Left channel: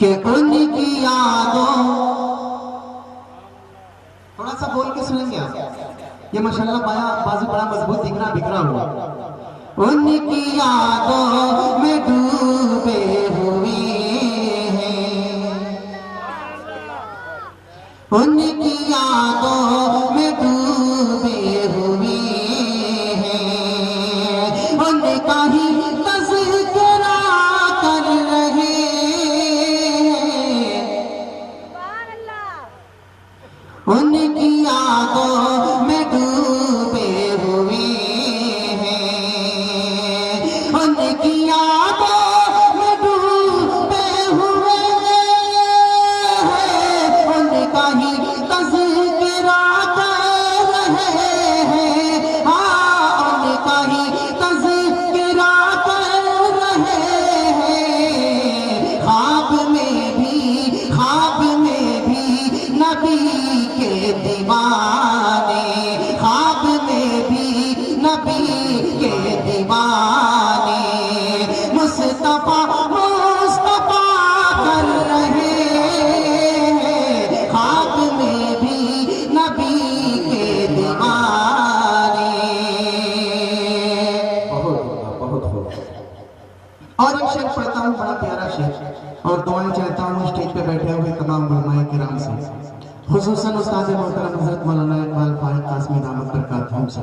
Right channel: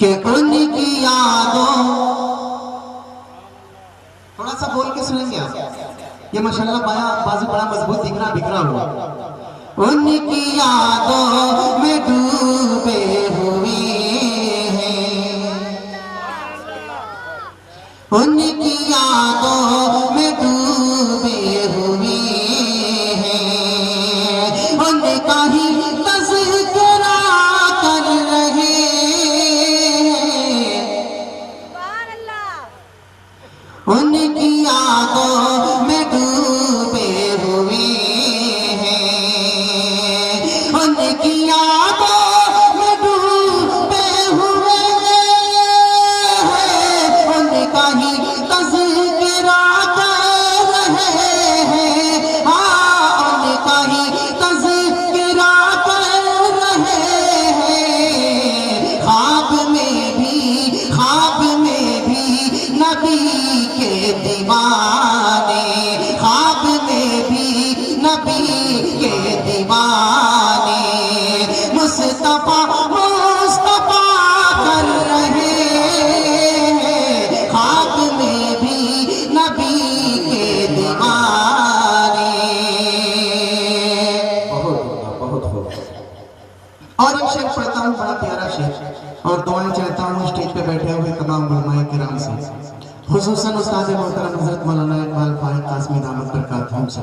کہ ان کی یادوں، تھوڑا سا بول کے سنیں گے آپ، یہ ماشاءاللہ بازو بڑا مضبوط دکھ رہا بکھرا ہوا، ان کی یادوں میں ڈوبے ہوئے ہیں، ان کی یادوں میں ڈوبے ہوئے ہیں، ان کا ہی تذکرہ کر رہے ہیں، ان کی یادوں میں ڈوبے ہوئے ہیں، ان کی یادوں میں ڈوبے ہوئے ہیں، ان کا ہی تذکرہ کر رہے ہیں، ہاں ان کا ہی تذکرہ کر رہے ہیں، خواب میں بھی نبی کے دیوانے، خواب میں بھی نبی کے دیوانے مصطفیٰ کر رہے ہیں، خواب میں بھی نبی کے دیوانے۔ بہت خوب۔ اور ایک شعر پڑھتا ہوں، بڑا پیارا شعر، اور دعائیں چاہتا ہوں اسٹیج پہ بیٹھے ہوئے تمام علماء کرام سے، خصوصاً استاد محترم حضرت مولانا اقبال فاحق قاسمی دامت برکاتہم سے،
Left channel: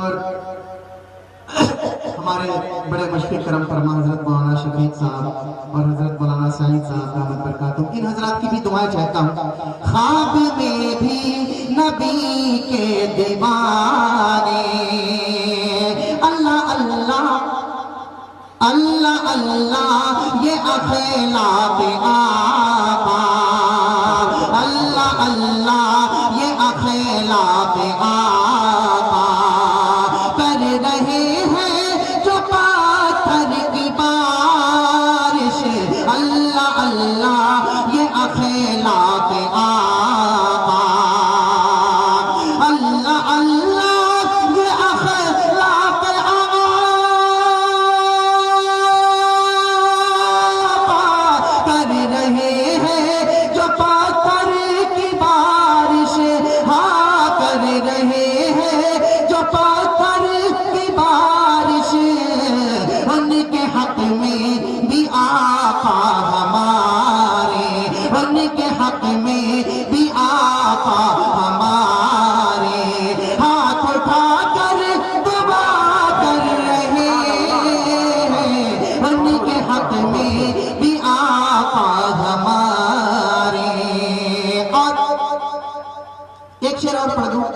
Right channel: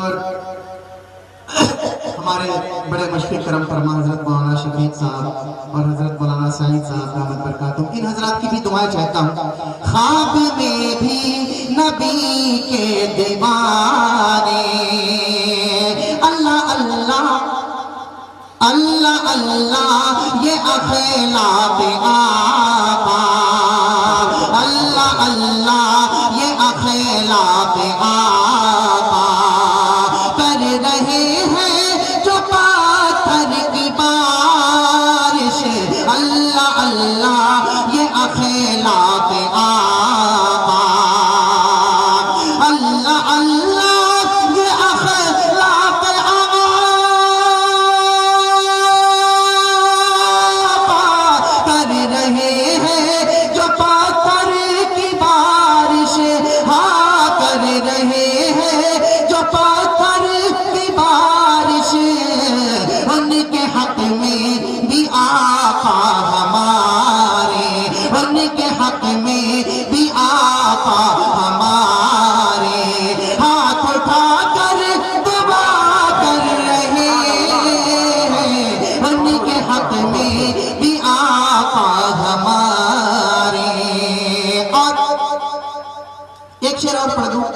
اور ہمارے بڑے مشفق کرم فرما حضرت مولانا شفیق صاحب اور حضرت مولانا سعید صاحب دامت برکاتہم، ان حضرات کی بھی دعائیں چاہتا ہوں۔ خواب میں بھی نبی کے دیوانے، اللہ اللہ اللہ اللہ یہ اخلاق آقا، اللہ اللہ یہ اخلاق آقا، کر رہے ہیں جو پاتھر کی بارش، اللہ اللہ یہ اخلاق آقا، اللہ اللہ یہ اخلاق آقا، کر رہے ہیں جو پاتھر کی بارش، ہاں کر رہے ہیں جو پاتھر کی بارش، ان کے حق میں بھی آقا ہمارے، ان کے حق میں بھی آقا ہمارے ہاتھ اٹھا کر دعا کر رہے ہیں، ان کے حق میں بھی آقا ہمارے۔ اور ایک شعر اور پڑھ دوں،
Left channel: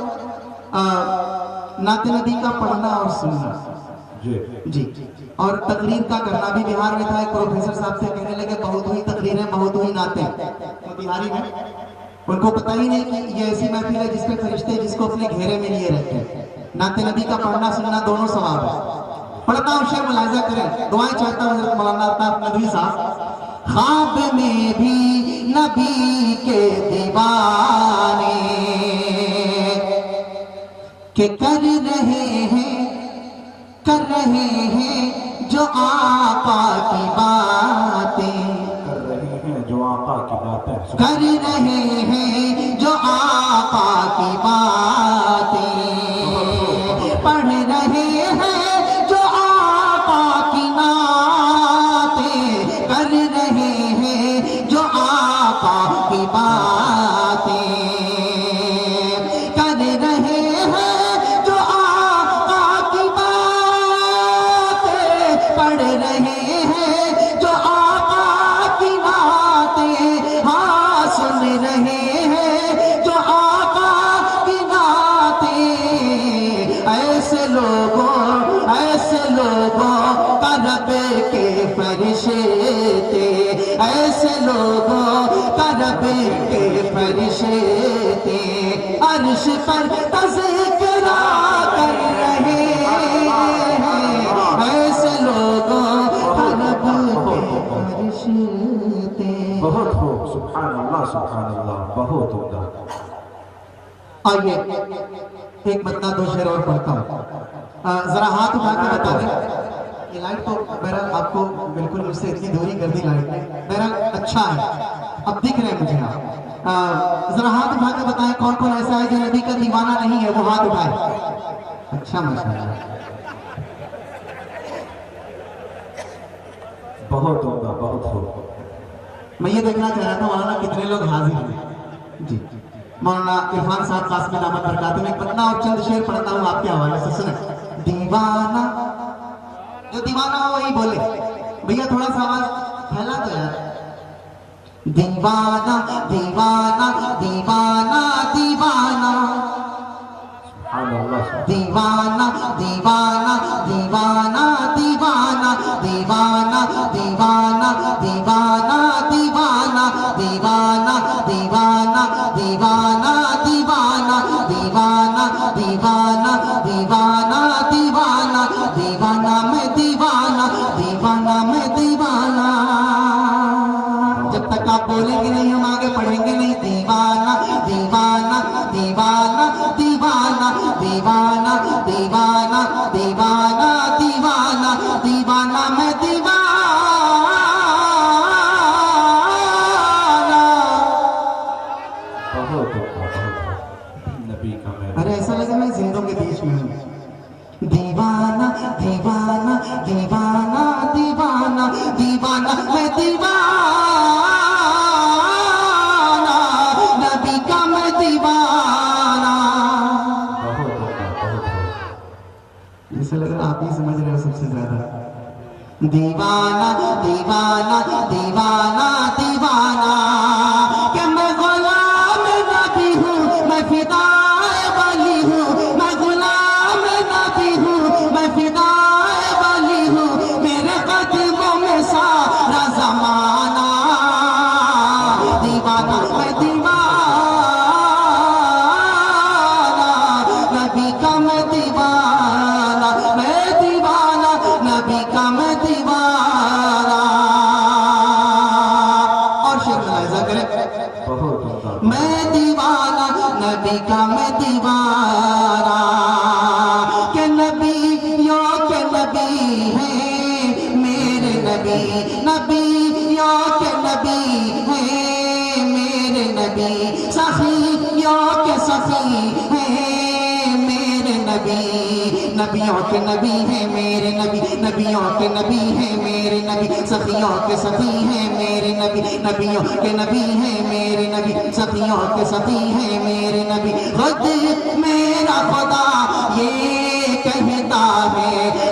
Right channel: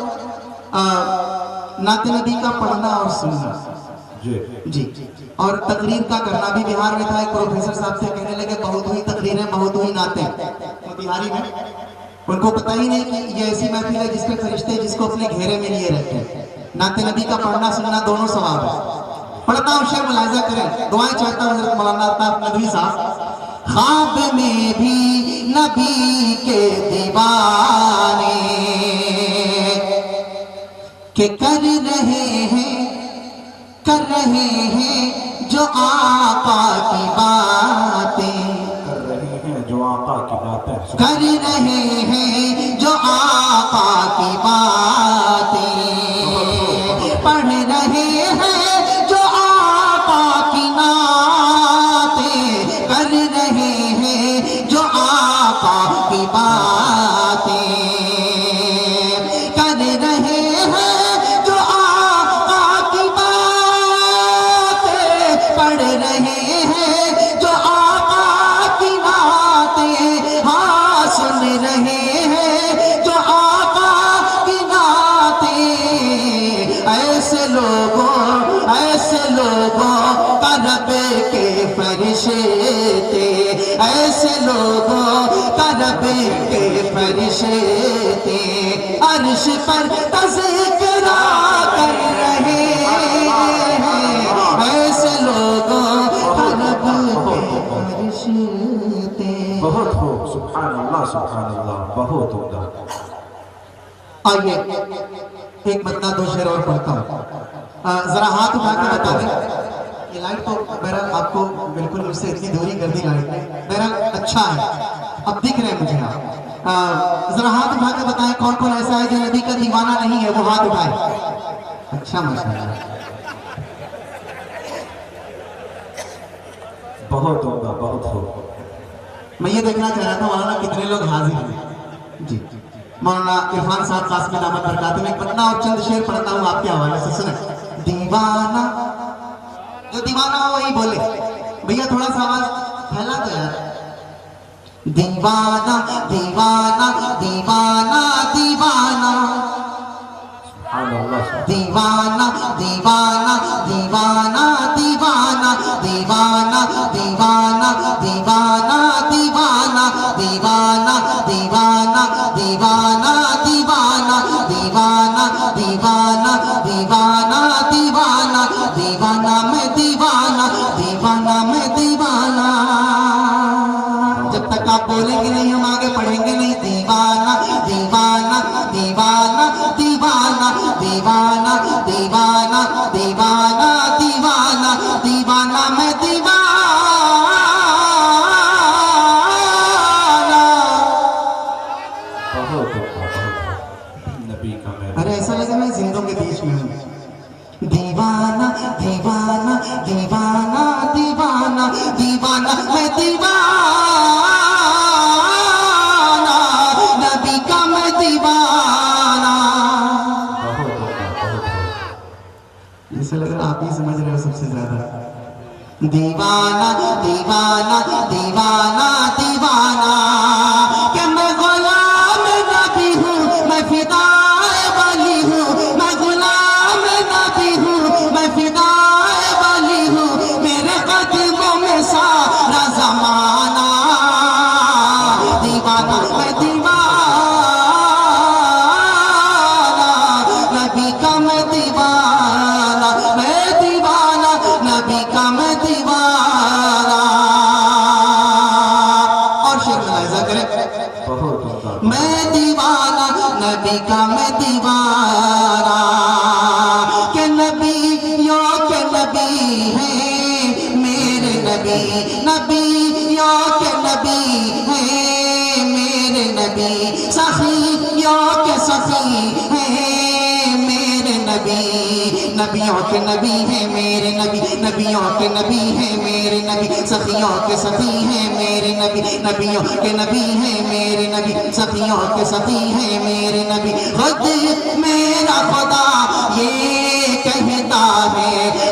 نعت نبی کا پڑھنا اور سننا جی، اور تقریر کا کرنا بھی بہار میں تھا، ایک پروفیسر صاحب سے کہنے لگے بہت ہوئی تقریریں بہت ہوئی نعتیں، وہ بہاری میں، ان کو پتہ ہی نہیں کہ یہ ایسی محفل ہے جس پہ فرشتے جس کو اپنے گھیرے میں لیے رہتے ہیں، نعت نبی کا پڑھنا سننا دونوں ثواب ہے۔ پڑھتا ہوں شعر، ملاحظہ کریں، دعائیں چاہتا ہوں حضرت مولانا عطا ندوی صاحب۔ خواب میں بھی نبی کے دیوانے کہ کر رہے ہیں جو آقا کی باتیں، کر رہے ہیں جو آقا کی باتیں، کر رہے ہیں جو آقا کی باتیں، پڑھ رہے ہیں جو آقا کی نعتیں، کر رہے ہیں جو آقا کی باتیں، کر رہے ہیں جو آقا کی باتیں، پڑھ رہے ہیں جو آقا کی نعتیں، ہاں سن رہے ہیں جو آقا کی نعتیں، ایسے لوگوں کا رب کے فرشتے، ایسے لوگوں کا رب کے فرشتے عرش پر تذکرہ کر رہے ہیں، ایسے لوگوں کا رب کے فرشتے۔ بہت خوب، سبحان اللہ، بہت عمدہ۔ آئیے ایک مطلع دو شعر اور پڑھتا ہوں، ذرا ہاتھ اٹھا کے بتا دیں، یہ لائٹ تو بہرحال آپ کو بالکل مجھ سے اتنی دوری کر دی لائٹ نے، بہرحال اچھا اچھا ہے، اب دکھ رہے ہیں مجھے آپ۔ ذرا ہاتھ اٹھا کے بتائیں کون کون ایسا ہے جو نبی کا دیوانہ نہیں ہے، وہ ہاتھ اٹھائے۔ اچھا ماشاءاللہ، بہت عمدہ، بہت خوب۔ میں یہ دیکھنا چاہ رہا تھا مولانا کتنے لوگ حاضر ہیں۔ جی مولانا عرفان صاحب قاسمی دامت برکاتہ میں پڑھنا اور چند شعر پڑھتا ہوں آپ کے حوالے سے، سنیں۔ دیوانہ، جو دیوانہ ہو وہی بولے بھیا، تھوڑا سا آواز پھیلا دو یار۔ دیوانہ دیوانہ دیوانہ دیوانہ سبحان اللہ، دیوانہ دیوانہ دیوانہ دیوانہ دیوانہ دیوانہ دیوانہ دیوانہ دیوانہ دیوانہ دیوانہ دیوانہ دیوانہ دیوانہ دیوانہ دیوانہ دیوانہ میں دیوانہ، دیوانہ میں دیوانہ۔ جب تک آپ بولیں گے نہیں ہم آگے پڑھیں گے نہیں۔ دیوانہ دیوانہ دیوانہ دیوانہ دیوانہ دیوانہ دیوانہ دیوانہ دیوانہ میں دیوانہ۔ بہت عمدہ، بہت خوب۔ نبی کا میں ارے ایسا لگا میں زندوں کے بیچ میں ہوں۔ دیوانہ دیوانہ دیوانہ دیوانہ دیوانہ میں دیوانہ، نبی کا میں دیوانہ۔ بہت عمدہ، بہت خوب۔ ایسا لگ رہا آپ ہی سمجھ رہے ہو سب سے زیادہ۔ دیوانہ دیوانہ دیوانہ دیوانہ، کہ میں غلام نبی ہوں، میں فدائے ولی ہوں، میں غلام نبی ہوں، میں فدائے ولی ہوں، میرے قدموں میں سارا زمانہ۔ دیوانہ میں دیوانہ، نبی کا میں دیوانہ، میں دیوانہ، نبی کا میں دیوانہ۔ اور شعر ملاحظہ کریں۔ بہت عمدہ، میں دیوانہ، نبی کا میں دیوانہ، کہ نبیوں کے نبی ہیں میرے نبی، نبیوں کے نبی ہیں میرے نبی، سخیوں کے سخی ہیں میرے نبی، نبیوں کے نبی ہیں میرے نبی، نبیوں کے نبی ہیں میرے نبی، سخیوں کے سخی ہیں میرے نبی، نبیوں کے نبی ہیں میرے نبی، سخیوں کے سخی ہیں میرے نبی۔ خود میرا خدا یہ کہتا ہے